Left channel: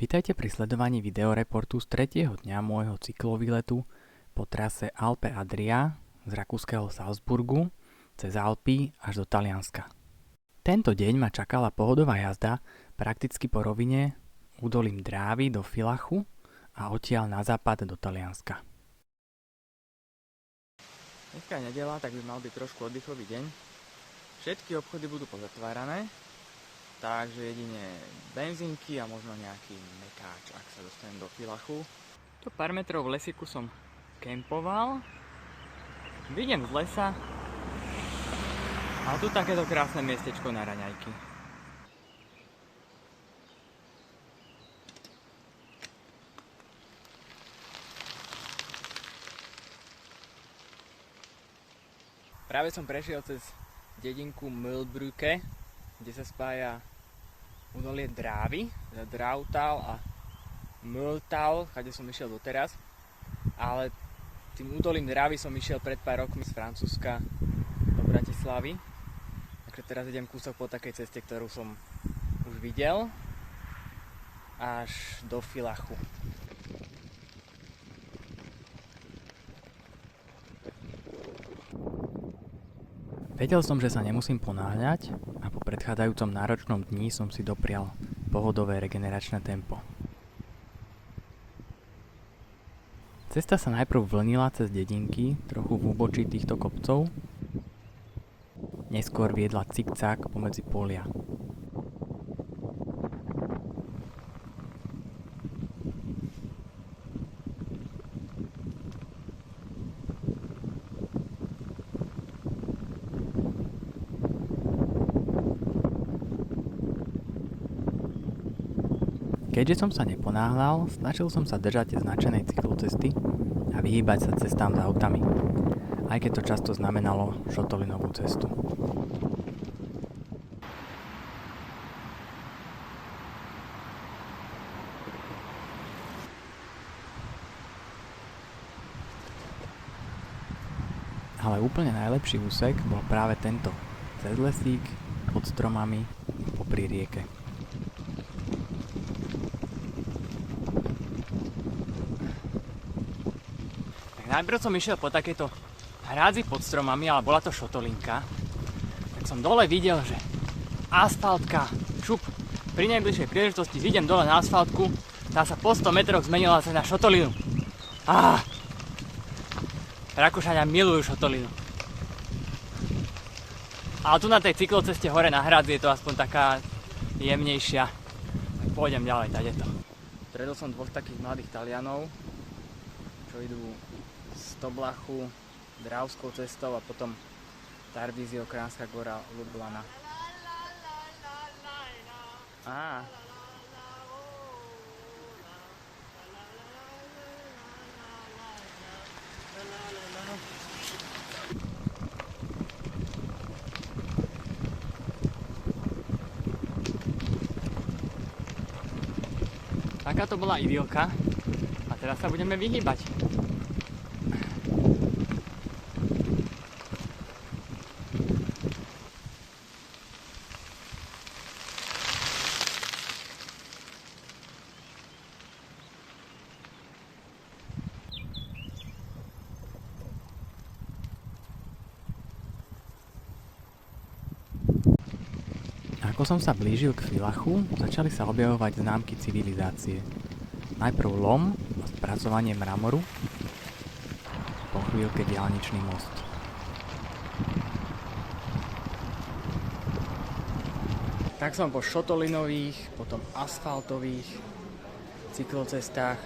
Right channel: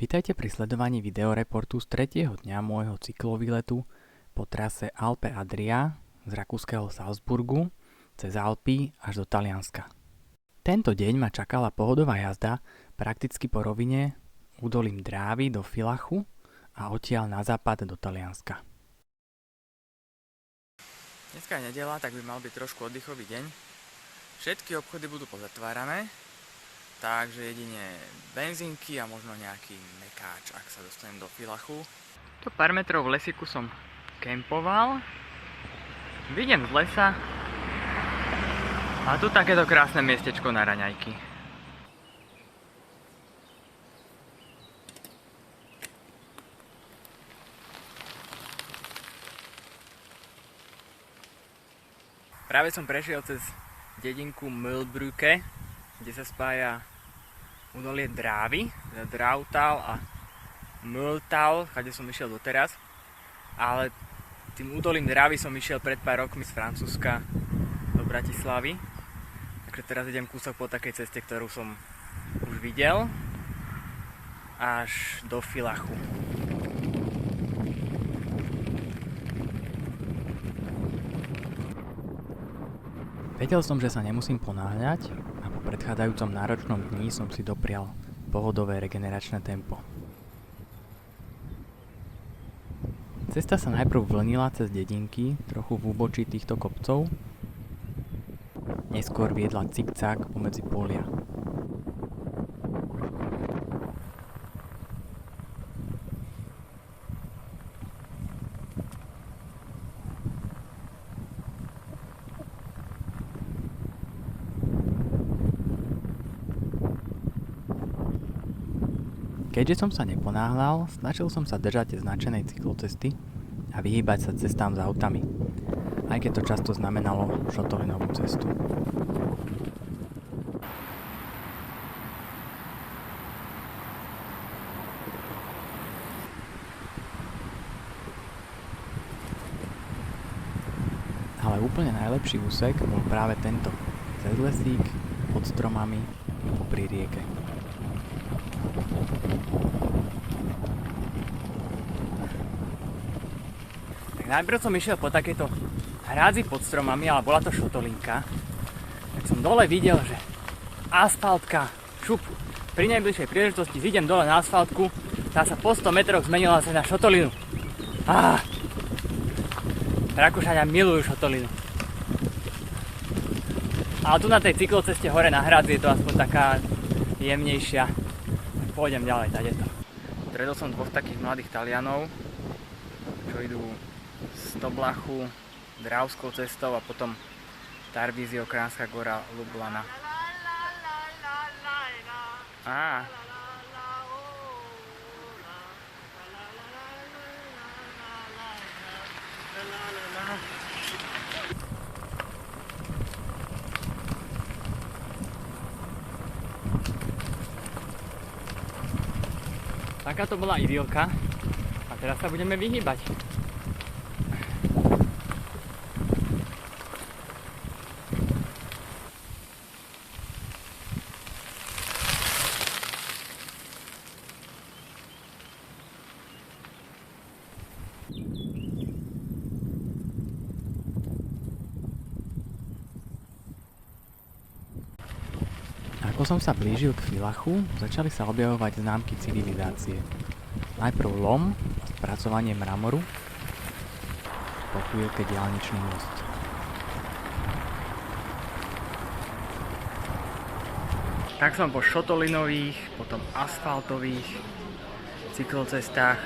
Vitajte pri sledovaní videoreportu z 3. dňa môjho cyklovýletu po trase Alpe Adria z rakúskeho Salzburgu cez Alpy až do Talianska. Tento deň ma čakala pohodová jazda prakticky po rovine údolím Drávy do Villachu a odtiaľ na západ do Talianska. Dneska je nedeľa, tak by mal byť trošku oddychový deň. Všetky obchody budú pozatvárané, takže jedine benzínky a možno nejaký mekáč, ak sa dostanem do Villachu. To pár metrov v lesíku som kempoval. Vidím z lesa. A tu takéto krásne miestečko na raňajky. Práve som prešiel cez dedinku Mühlbrücke, kde sa spája údolie Drávy, teda Drautal a Mühltal, kde som išiel doteraz. Ale tým údolím Drávy som išiel pred pár rokmi z Francúzska do Bratislavy. Takže teraz idem kúsok po takej ceste, ktorú som už videl, až do Villachu. Vedel som, že sa nemusím ponáhľať a po predchádzajúcom náročnom dni som si doprial pohodové regeneračné tempo. Cesta sa najprv vlnila cez dedinky, trochu v úbočí týchto kopcov, neskôr viedla cikcák pomedzi polia. Keďže som sa neponáhľal, snažil som sa držať značenej cyklocesty a vyhýbať sa cestám s autami, aj keď to často znamenalo šotolinovú cestu. Ale úplne najlepší úsek bol práve tento, cez lesík, pod stromami, popri rieke. Najprv som išiel po takejto hrádzi pod stromami, ale bola to šotolinka. Tak som dole videl, že asfaltka, šup, pri najbližšej príležitosti vidím dole na asfaltku, tá sa po 100 metroch zmenila sa na šotolinu. Rakúšania milujú šotolinu. Ale tu na tej cykloceste hore na hrádzi je to aspoň taká jemnejšia. Pôjdem ďalej, tadeto. Stredol som dvoch takých mladých Talianov, čo idú z Toblachu Dravskou cestou a potom Tarvisio, Kránska Gora, Lublana. Taká to bola idylka a teraz sa budeme vyhýbať. Ako som sa blížil k Villachu, začali sa objavovať známky civilizácie. Najprv lom a spracovanie mramoru, po chvíľke diaľničný most. Tak som po šotolinových, potom asfaltových cyklocestách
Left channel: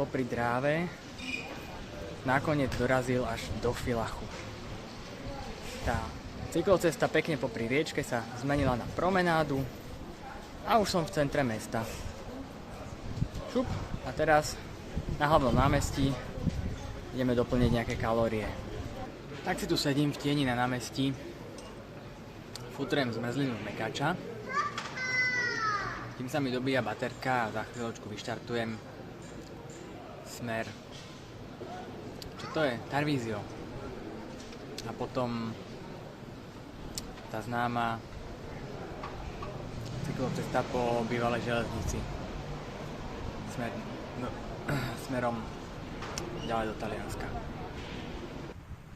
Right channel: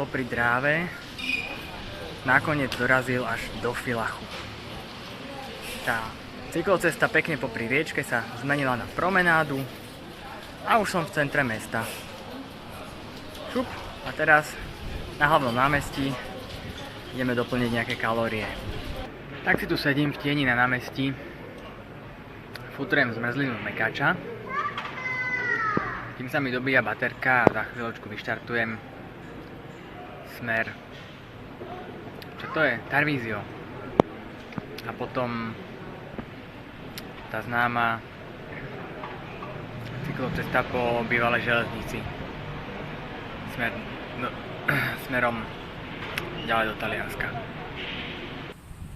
popri Dráve nakoniec dorazil až do Villachu. Tá cyklocesta pekne popri riečke sa zmenila na promenádu a už som v centre mesta. Šup, a teraz na hlavnom námestí ideme doplniť nejaké kalórie. Tak si tu sedím v tieni na námestí, futrujem zmrzlinu z mekáča, tým sa mi dobíja baterka a za chvíľočku vyštartujem smer, čo to je? Tarvisio. A potom tá známa cyklocesta po bývalej železnici. smerom ďalej do Talianska.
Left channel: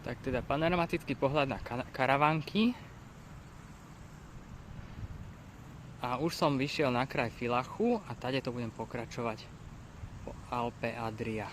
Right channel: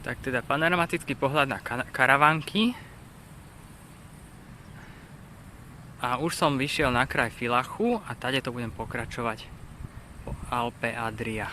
Tak teda panoramatický pohľad na karavánky. A už som vyšiel na kraj Vilachu a tady to budem pokračovať po Alpe Adria.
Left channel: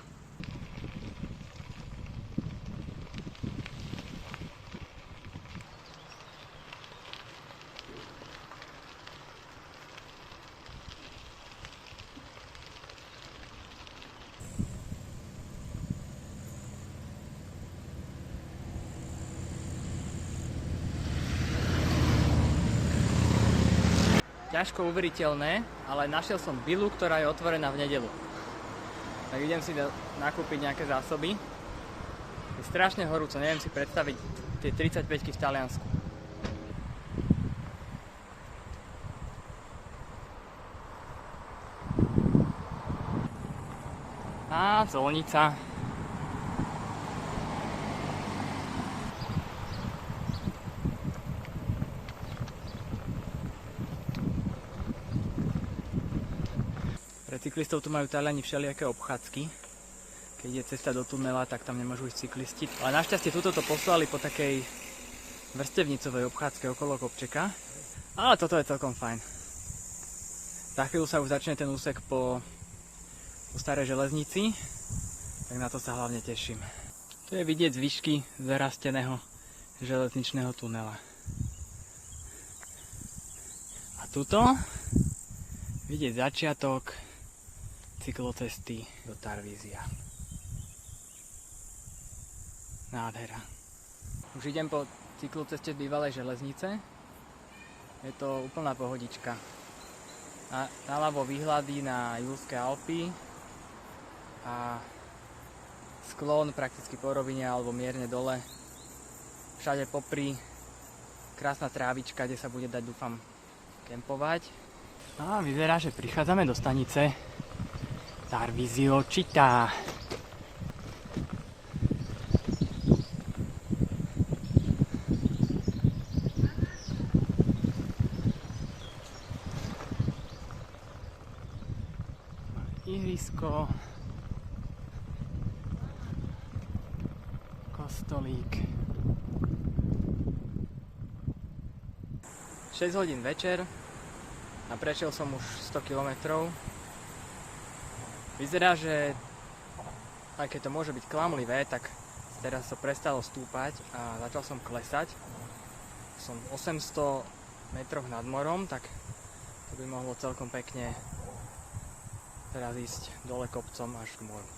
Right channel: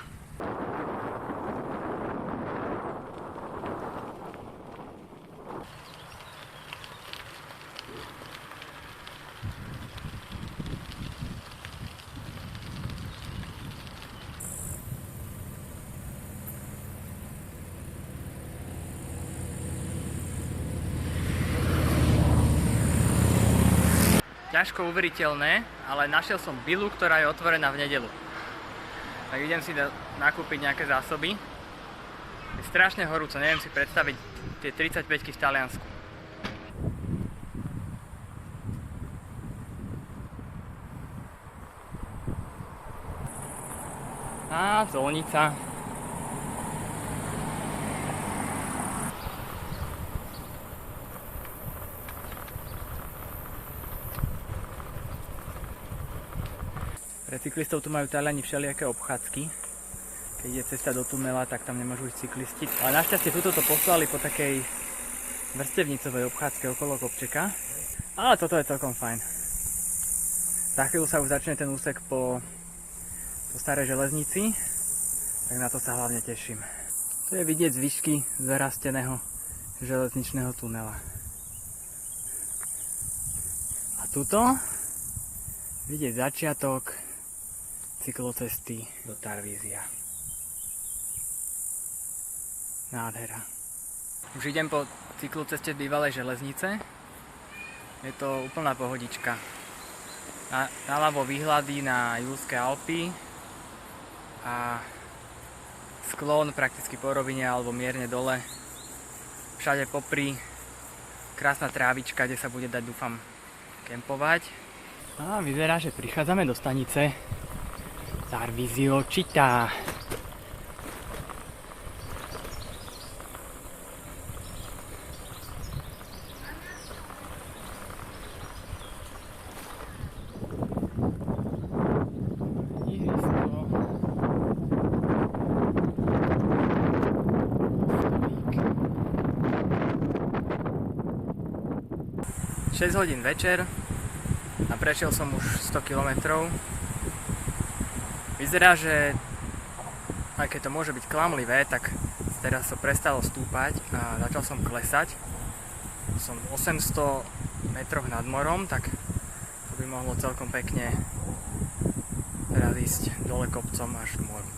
Ťažko uveriteľné, ale našiel som vilu, ktorá je otvorená v nedeľu. Tak idem si nakúpiť nejaké zásoby. Je strašne horúco, neviem si predstaviť tie 35-ky v Taliansku. Á, zvolnica. Pre cyklistov tu majú Taliani všelijaké obchádzky. Keď je cesta do tunela, tak tam nemôžu ísť cyklisti. Ale našťastie tuto to poslali po takej vrstevnicovej obchádzke okolo kopčeka. Ale toto je celkom fajn. Za chvíľu sa už začne ten úsek po starej železnici, tak na to sa hlavne teším. Tu je vidieť z výšky zarasteného železničného tunela. A tuto vidieť začiatok cyklocesty do Tarvízia. Nádhera. Už idem po cykloceste bývalej železnice. Je to úplná pohodička. Naľavo výhľady na Jurské Alpy a sklon prakticky po rovine alebo mierne dole. Všade popri krásna trávička, kde sa bude dať, dúfam, kempovať. A vyzerá, že prichádzame do stanice Tarvisio Città. Ihrisko. Kostolík. 6 hodín večer a prešiel som už 100 km. Vyzerá, že aj keď to môže byť klamlivé, tak teraz to prestalo stúpať a začal som klesať. Som 800 metroch nad morom, tak to by mohlo celkom pekne teraz ísť dole kopcom až k moru.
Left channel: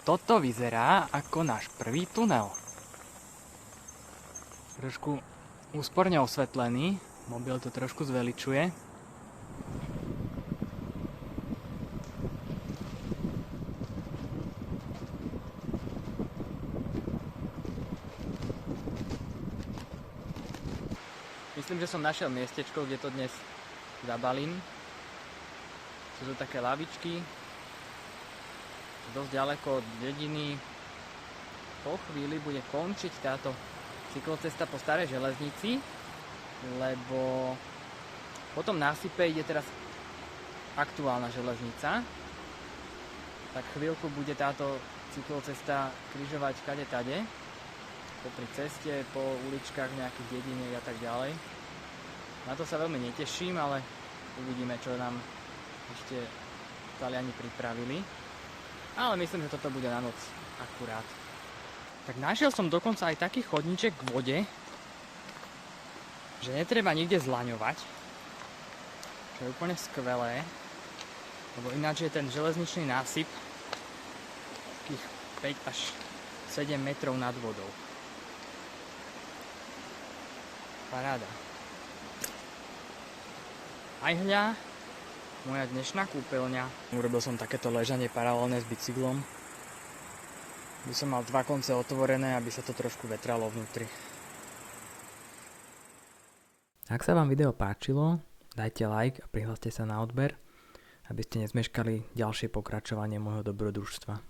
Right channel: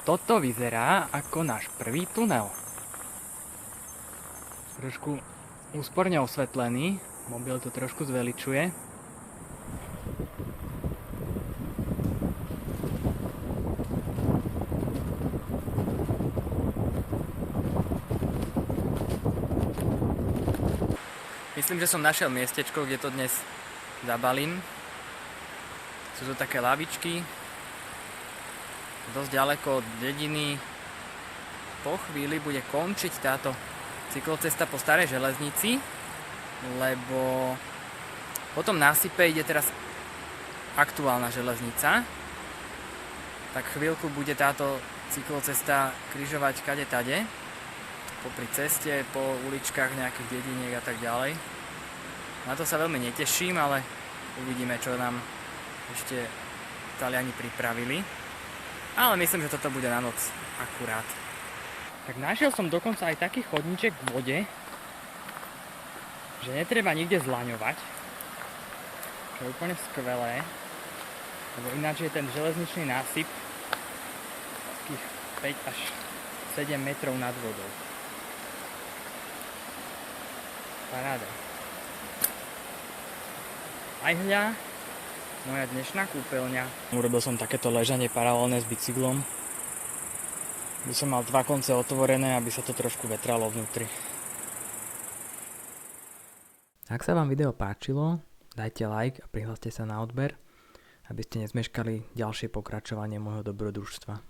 Toto vyzerá ako náš prvý tunel. Trošku úsporne osvetlený, mobil to trošku zveličuje. Myslím, že som našiel miestečko, kde to dnes zabalím. Sú to také lavičky, dosť ďaleko od dediny. Po chvíli bude končiť táto cyklocesta po starej železnici, lebo po tom násype ide teraz aktuálna železnica. Tak chvíľku bude táto cyklocesta križovať kade tade, popri ceste, po uličkách nejakých dediniek a tak ďalej. Na to sa veľmi neteším, ale uvidíme, čo nám ešte Taliani pripravili. Ale myslím, že toto bude na noc akurát. Tak našiel som dokonca aj taký chodníček k vode, že netreba nikde zlaňovať. Čo je úplne skvelé. Lebo ináč je ten železničný násyp takých 5 až 7 metrov nad vodou. Paráda. Aj hľa, moja dnešná kúpeľňa. Urobil som takéto ležanie paralelné s bicyklom. By som mal 2 konce otvorené, aby sa to trošku vetralo vnútri. Ak sa vám video páčilo, dajte like a prihláste sa na odber, aby ste nezmeškali ďalšie pokračovanie môjho dobrodružstva.